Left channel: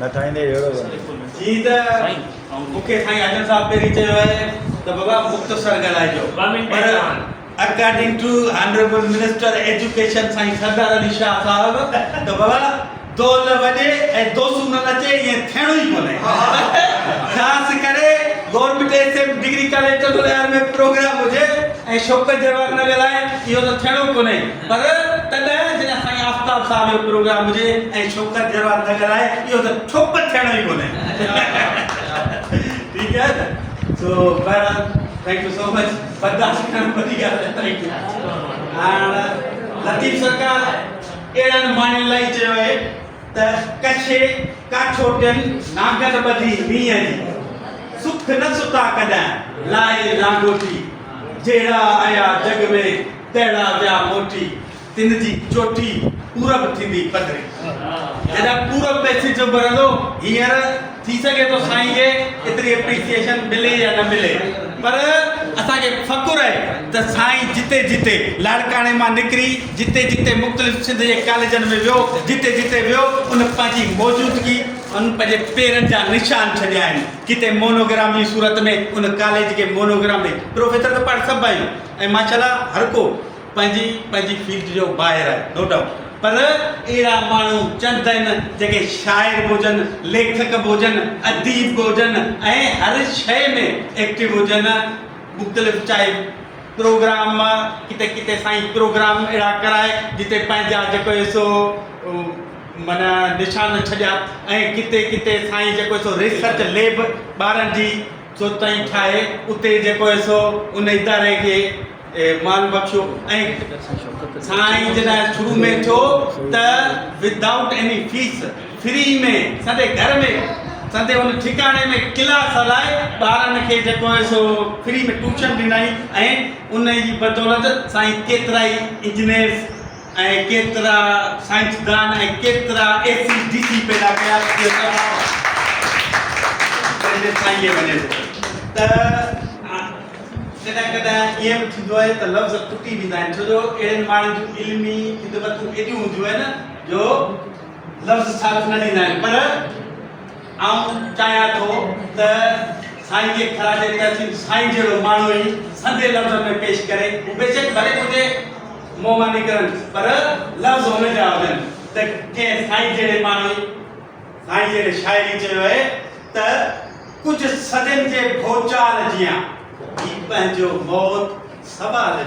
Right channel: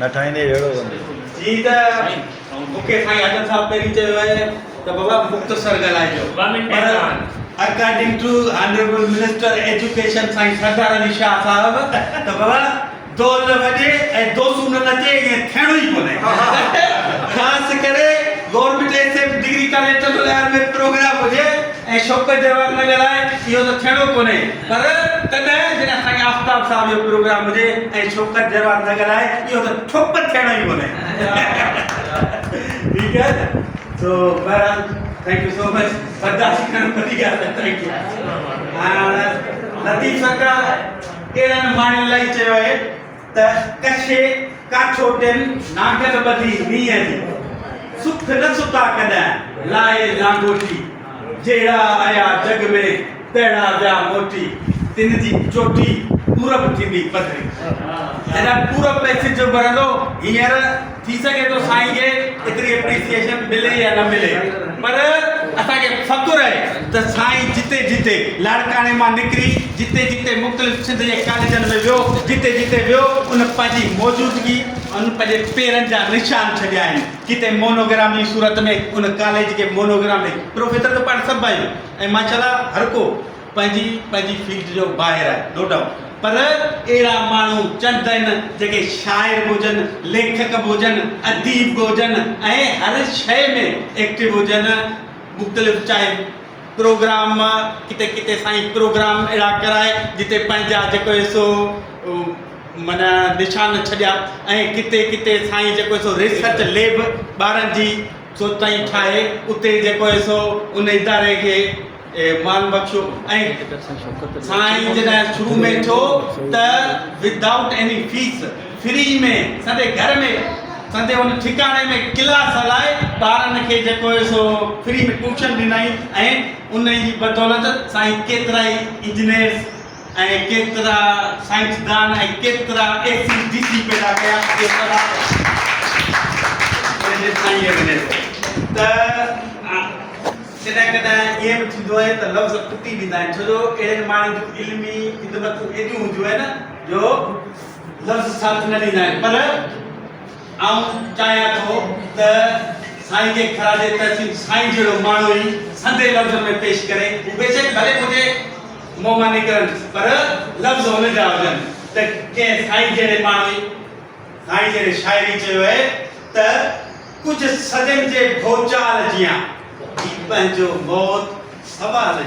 न ठाहींदे अहिड़ो जी त मूंखे साईं आजम साहब पहिरीं चयो आहे त बाबा मुख़्तसर ॻाल्हाइजो according to honourable minister education साईं सरदार अली शाह साहब त बाबा दौल न वॼे ऐं दोसूं न नचे ईअं थियणो ई कोन्हे ख़ासि करे government SF degree college Chandulal में प्रोग्राम हुजे ऐं शौक़त जवाहर नगर आहे इहो त थियणो कोन्हे पर तॾहिं जॾहिं साईं आफ़ताब साहब जो प्रोग्राम हुजे ऐं शौक़त जवाहर नगर आहे इहो त ठोक थियणो ई कोन्हे ठीकु आहे सो बहरहाल थैंक यू सो मच बर्दाश्त करण वॾी ॻाल्हि आहे थैंक यू हाणे लतीफ़ सरकार अहिड़नि माण्हुनि लाइ चयो आहे त कछे काठोटियुनि नागन ॿधी मींहं जी सुख न सुता कॾहिं लाए लांगोटी जहिड़ा आया जग में तहिड़ा विया मोटी तिन जी चोटी पूरब थींदी पधरी एॾा पूरब पैसे जो भरंदो हींअर थी सघे थो साईं खे एतिरी एप्रिसिएशन मिले या न मिले पर असांखे फ़ख़ुरु आहे त साईं जिते जिते लाड़काणे मां निकिरी जिते जिते मुख़्तलिफ़ सिंध जे कॉलेजनि में वियो जिते जिते वियो उन पंहिंजी मौजूदगी उन पंहिंजे पेरनि जा निशान छॾिया आहिनि किथे मोनोग्राम जी सूरत में उन कॉलेज खे मोनोग्राम में प्रोफेसर त पाण सभु आहियूं ऐं माशाल्लाह हर को पंहिंजी फील्ड जो ॿाहिरि आहे नो डाउट पर अहिड़ा माण्हू चंद आहिनि जेके शाइर बि हुजनि लेखक बि हुजनि अदीब बि हुजनि ऐं हर शइ में एक्टिव हुजनि मुख़्तलिफ़ चाहे प्रोग्राम किथे किथे साईं प्रोग्राम अहिड़ा कराए जिते पंहिंजा जेको सो माना निशान छॾिया ऐं किथे किथे साईं जेको सो रिसर्च लैब ॿारनि जी सो ताईं ठाहे उते जेको सो उन इदारे खे मान बख्शियो ऐं साईं जॾहिं शुरू में थियो त विदाउट एनी फीस फ्री में सॼे घर में सॼे उन ठिकाणे में क्लास हलाए ॿारनि खे जेको सो फ्री में ट्यूशन ॾिनई ऐं उन जी बदौलत साईं केतिरा ई इंजीनियर्स ऐं केतिरा साइंसदान ऐं केतिरा ACDC पैदा कया पंहिंजे साईं वञे त कॾहिं कॾहिं ईअं बि थींदो आहे त लफ़्ज़ टुटी वेंदा आहिनि छो जो अहिड़े माण्हुनि जूं इल्मी ख़िदमतूं एॾियूं हूंदियूं आहिनि जो लफ़्ज़ साथ न ॾींदा आहिनि पर आउं चाहियां थो त साईं खे ख़राजे तहसील साईं जहिड़ो माण्हू ई सधे लफ़्ज़ में पेश करे बेशक भले मुंहिंजे मुंहं मां निकिरनि पर लफ़्ज़ हुन जा हुजनि त कंहिं साईं जहिड़े माण्हू ई साईं जहिड़े शाइरी चयो आहे त कुझु सजन जे भोचाल जियां पंहिंजो मौत सवाल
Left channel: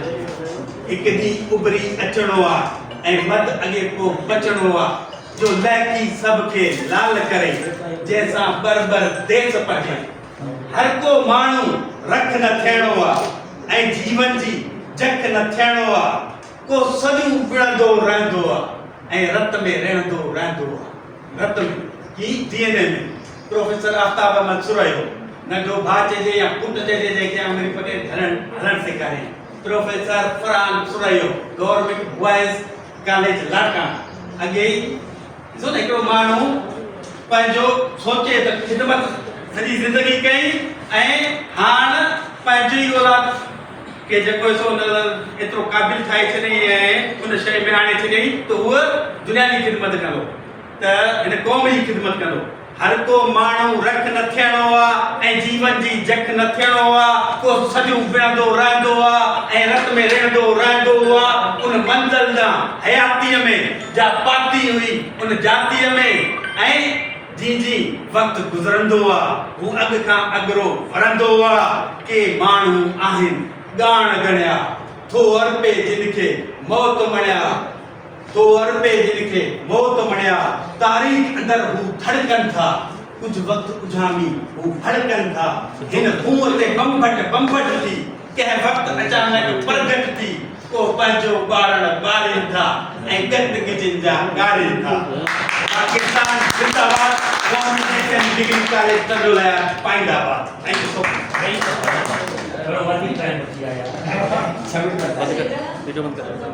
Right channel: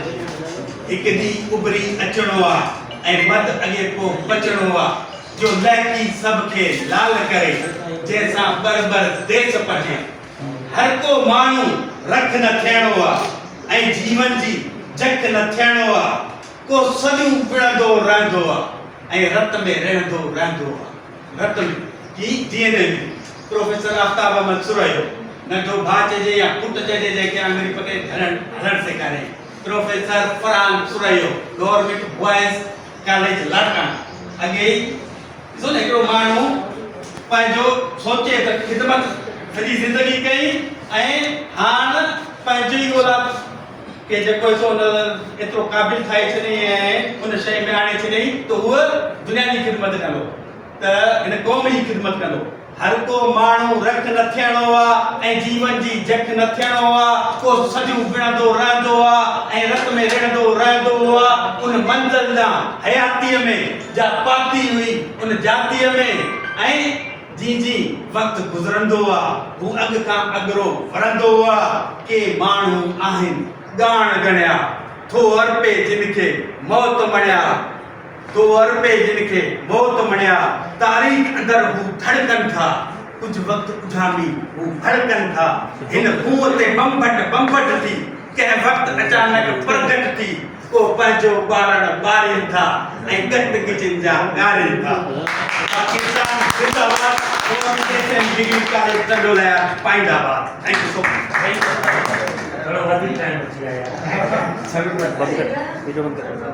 हिकु ॾींहुं उभरी अचणो आहे ऐं मद अॻे पोइ बचणो आहे जो लहकी सभ खे लाल करे जंहिंसां बर देस पढ़े हर को माण्हू रख न थियणो आहे ऐं जीवन जी जख न थियणो आहे को सॼो विढ़ंदो रहंदो आहे ऐं रत में रहंदो रहंदो आहे रत में की DNA में प्रोफेसर आफ्ताब अहमद सुरैयो नंढो भाउ चइजे या पुटु चइजे जंहिंखे अंग्रेजी पटे हलणु सेखारे professor Farhan Suraiyo government boys college Larkana अॻे ॾिसो न हिकिड़ो माण्हू पंहिंजो सोचे त ख़िदमत सॼी ज़िंदगी कई ऐं हाणे पंहिंजी औलाद के जेको सो एतिरो क़ाबिल ठाहे छॾियईं ऐं उन शइ में आणे छॾियईं त उहो दुनिया जी ख़िदमत कंदो त हिन क़ौम जी ख़िदमत कंदो हर को माण्हू रख न थियणो आहे ऐं जीवन जी जख न थियणो आहे को सॼो विढ़ंदो रहंदो आहे ऐं रत में रहंदो रहंदो आहे उन मंज़िल ॾांहुं हयातीअ में जा पाती हुई उन जातीअ में ऐं जी वक़्तु गुज़रंदो आहे हू अॻु खां अॻिरो वरंदो आहे के माण्हू आहिनि ॻाण ॻणिया थो अर्पे जिन खे मौत मणिया तो अरबे जिनखे मौत मणिया तारीख़ अंदर हू धड़कन था कुछ वक्त उझामी हू भड़कन था हिन खूह ते बंबट थी कंहिं वक्त अचानक प्रगट थी को पंहिंजो ॿारण ॿारीनि था ऐं गंदगी जा ॻारीनि था पाकिस्तान जिंदाबाद गवर्नमेंट डिग्री कॉलेज चंदुलाल पाइंदाबाद थैंक यू सो मच थोड़ा वधीक टाइम थी आया 7 मिनट बंद कर वीडियो बंद कर